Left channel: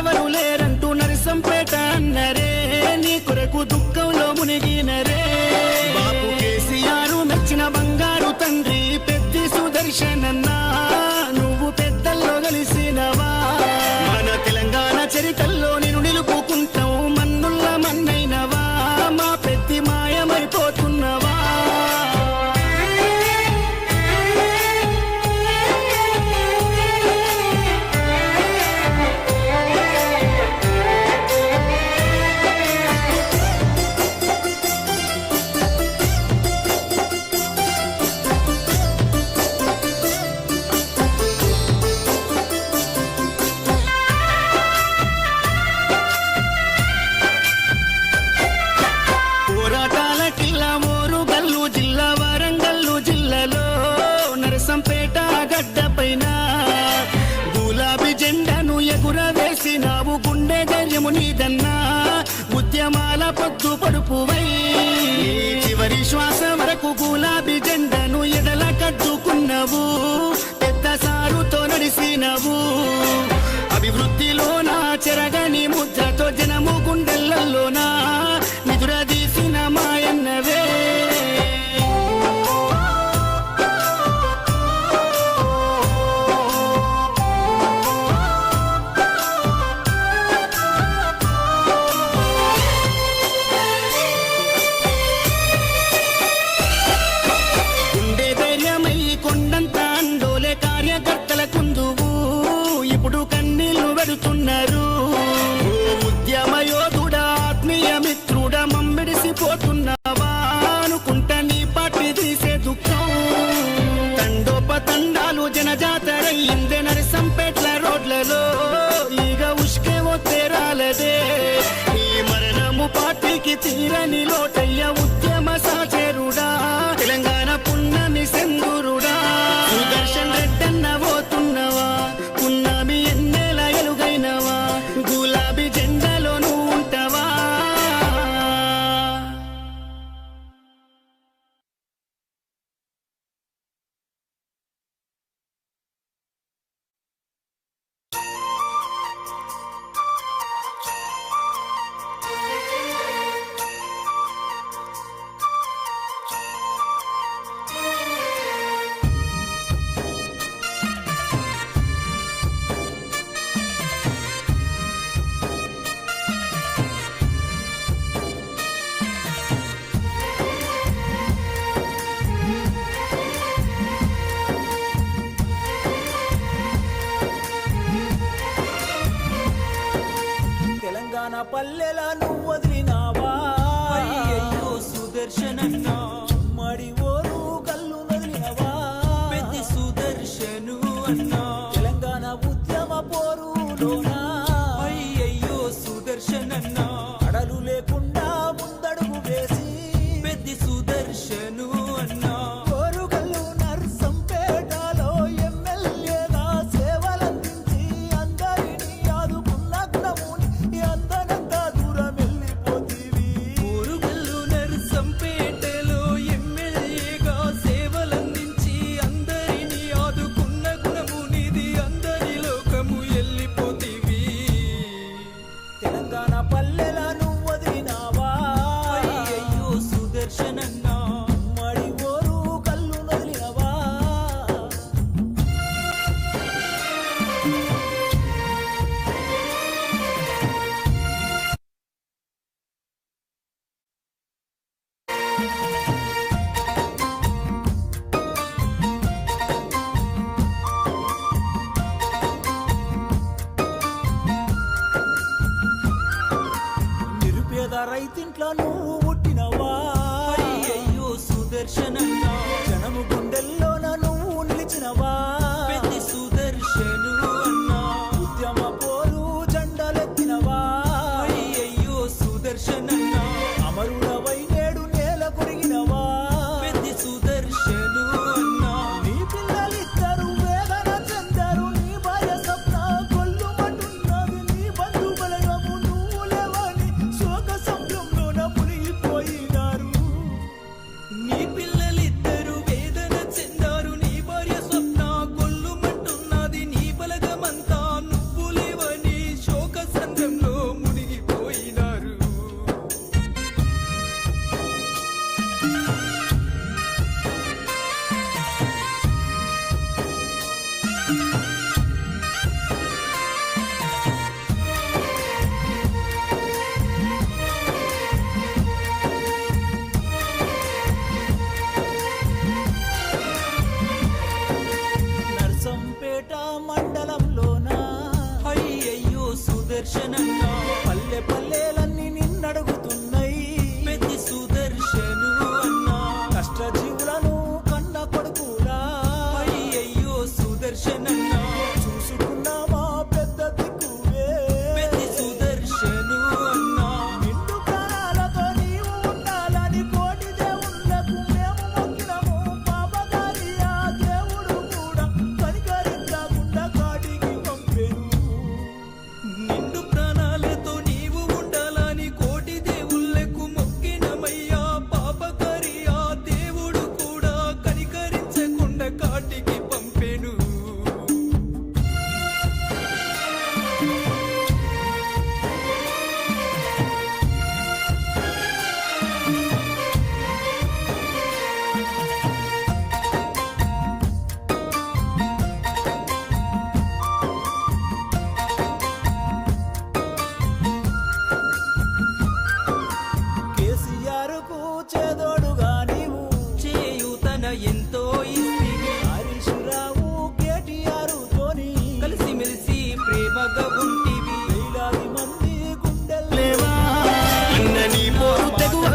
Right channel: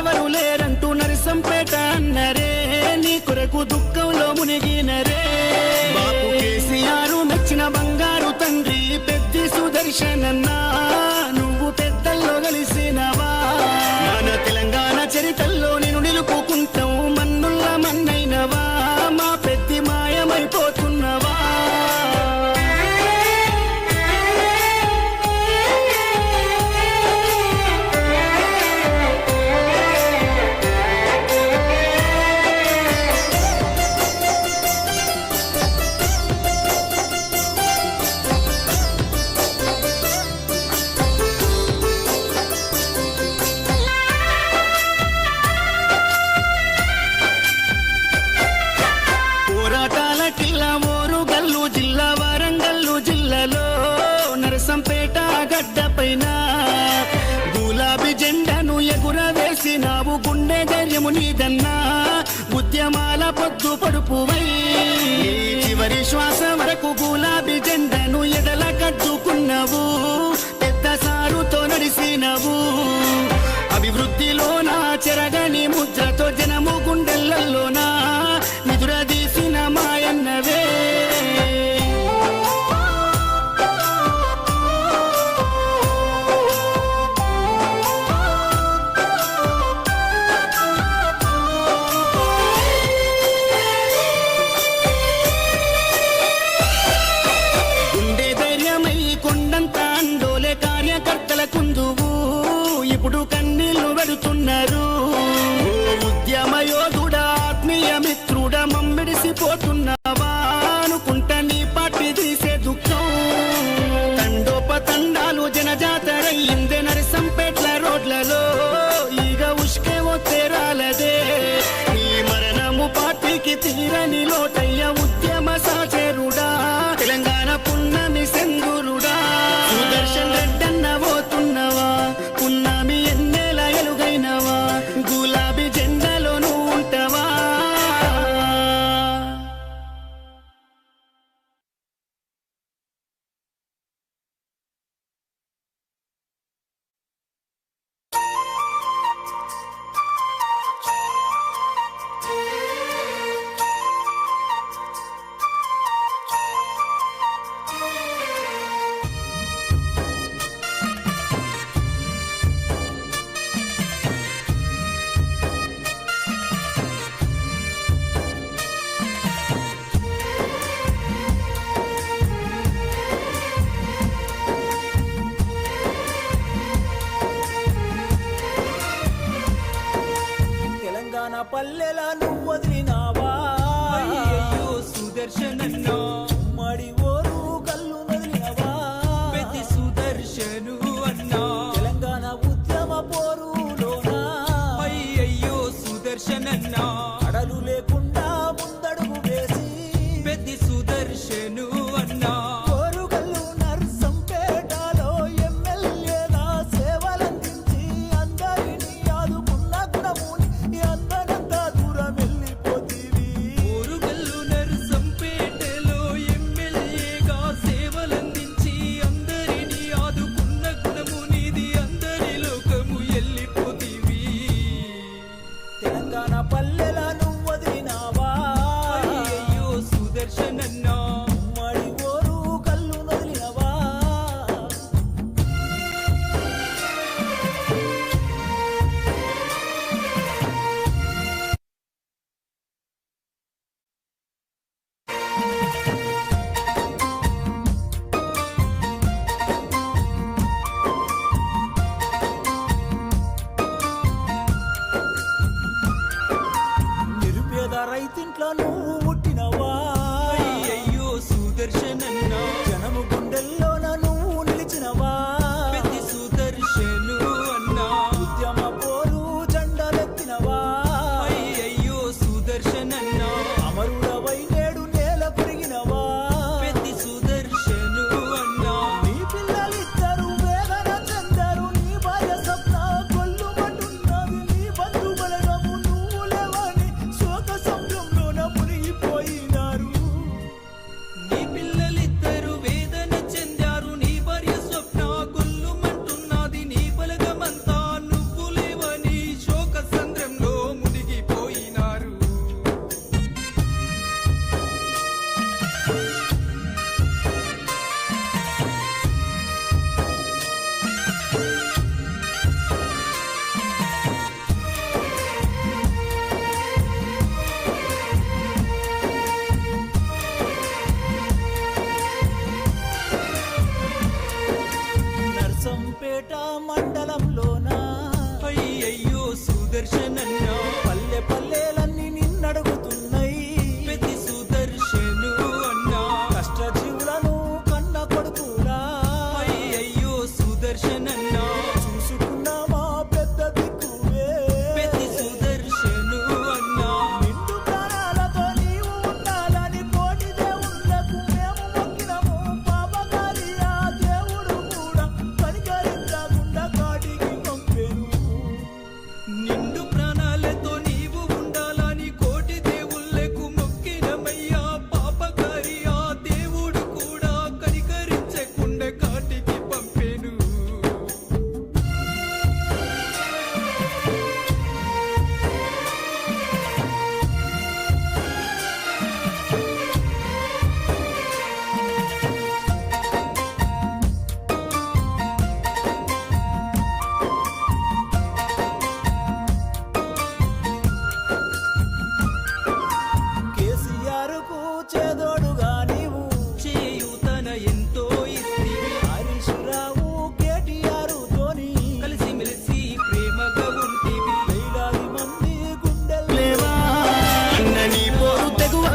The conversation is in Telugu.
ఎవరు లేరంటూ నరసంపేట అన్నరే, నీ కొరకు దుఃఖంలో మునిగినరే. బాపు కేసీఆర్ మెచ్చిన బంగారు తండ్రి పెద్ది సుదర్శనన్నా, నువ్వు పెద్దల్లో కలిసినవా. మన తెలంగాణ చరితల్లో నేను నిలుపుకుంటావు, మన్నుల్ల మన్నైనవా, మా పెద్ది మాయమైపోతున్నవా. పోరాటాల కిల్లా ఓరుగల్లు జిల్లా వరంగల్లు జిల్లాలో నరసంపేట గడ్డ పైన గులాబీ జెండాను ఎగురవేసినావు, గుండె ధైర్యము నీదన్నా, ఉద్యమాల పొద్దు పడుపువై చివరి శ్వాస వరకు గులాబీ జెండాను ఎదల కట్టుకున్నావు, పెద్ద సారుతో నడిసినవు. అభివృద్ధిలోనా చెరగని ముద్రతో జనము గుండెలలోనా నిదురదీసిన మాయన్నవే. గుండె ధైర్యమై కొండంత అండోలే కార్యకర్తల కుందువు, ఇప్పుడు కన్నీళ్లు పెడుతున్నారు. ఓ ఉద్యమ యోధుడా, ఆత్మీయ మిత్రుడా, మమ్మిడిసిపోతున్నావా అనుకుంటా నీ పార్టీ తీసే దుఃఖం. తండోపతండాలు జనజాతరయ్యిందే నరసంపేట్ల రోడ్లలో, ఈగ ఉష్కే ఒత్తేరాలదే. ఈ మరణము పార్టీకి తీరని లోటయ్య, ఉద్యమ సాచేరుడా, తెలంగాణ పున్నమి సెందురుడా. సుదర్శన్ రెడ్డన్న పోతున్నవా, పున్నమి ఎన్నేల ఎలుగైనవా, గులాబీ జెండాలో నువ్వు ఉంటావా. తెలంగాణ పల్లెల నువ్వు వదిలినావా, సుదర్శనన్నా, ఉమ్మడి ఓరు కల్లు వదిలినవా, సుదర్శను అన్నా, తెలంగాణ ఉద్యమ పోరులోనా, అయ్యయ్యో సుదర్శనన్నా, అడలు లేకుండా ముందడుగు వేసి పెద్ది సుదర్శను అన్నా, ఓరుగల్లు నర్సంపేటలో ఎమ్మెల్యేగా సేవలందించి అందరినీ ఆదుకున్న గుణముని అందనంత దూరం వెళ్ళిపోతీవి. ఓరుగల్లు నర్సంపేటలో ఎమ్మెల్యేగా సేవలందించి అందరినీ ఆదుకున్న గుణమునిది, అందరి లోకము వెళ్ళిపోతీవి. తెలంగాణ పల్లెల నువ్వు వదిలినావా, అయ్యయ్యో సుదర్శనన్నా, ఉమ్మడి ఓరు కల్లు వదిలినవా. నిరుపేద రైతింట్లో నువ్వు పుట్టినవా, అయ్యయ్యో సుదర్శనన్నా, జనము గుండెల్లోన నువ్వు నిలిచినవా, సుదర్శను అన్నా, ఉద్యమ పోరు జెండలెత్తినవా, అయ్యయ్యో సుదర్శనన్నా, అమరుడవై నేడు నేల కొరిగినవా, సుదర్శను అన్నా, నీ పిల్లలిద్దరు వేదన చెందరు, నీ భార్య స్వప్న కొల్లుమంటున్నది, నీ బంధు బలగము నువ్వు లేవని శోక సంభ్రంలోన మునిగిపో నర్సంపేట మండలంలోనా అయ్యయ్యో సుదర్శనన్న పల్లె పల్లెలన్నీ నిన్నడుగుతున్నాయి పెద్ద సుదర్శను అన్న కష్టజీవులను కన్న కొడుకులా అయ్యయ్యో సుదర్శనన్న చూసుకున్నామా పెద్ద దిక్కువే పెద్ద సుదర్శను అన్న నిండు ప్రాణాలతో నీవు ఉండాలని కోటి దేవుళ్ళకు మేము మొక్కినము పాపగారి ఆ దేవుడు కూడా కనికరించకుండా కాటికి పంపెను నిండు ప్రాణాలతో నీవు ఉండాలని కోటి దేవుళ్ళకు మొక్కినమయ్యా పాపకారి ఆ దేవుడు కూడా కనికరించకుండా కాటికి పంపెను కేసీఆర్ కు చేదోడుగా నీవు చేయూతన ఎంతో ఇస్తివి హరీష్ రావు కేటీఆర్ తోని కలిసిమెలిసి ప్రేమగా ఉంటివి వేలాది మంది గుండెలు లేవా అన్న నీ పోరు తెగువ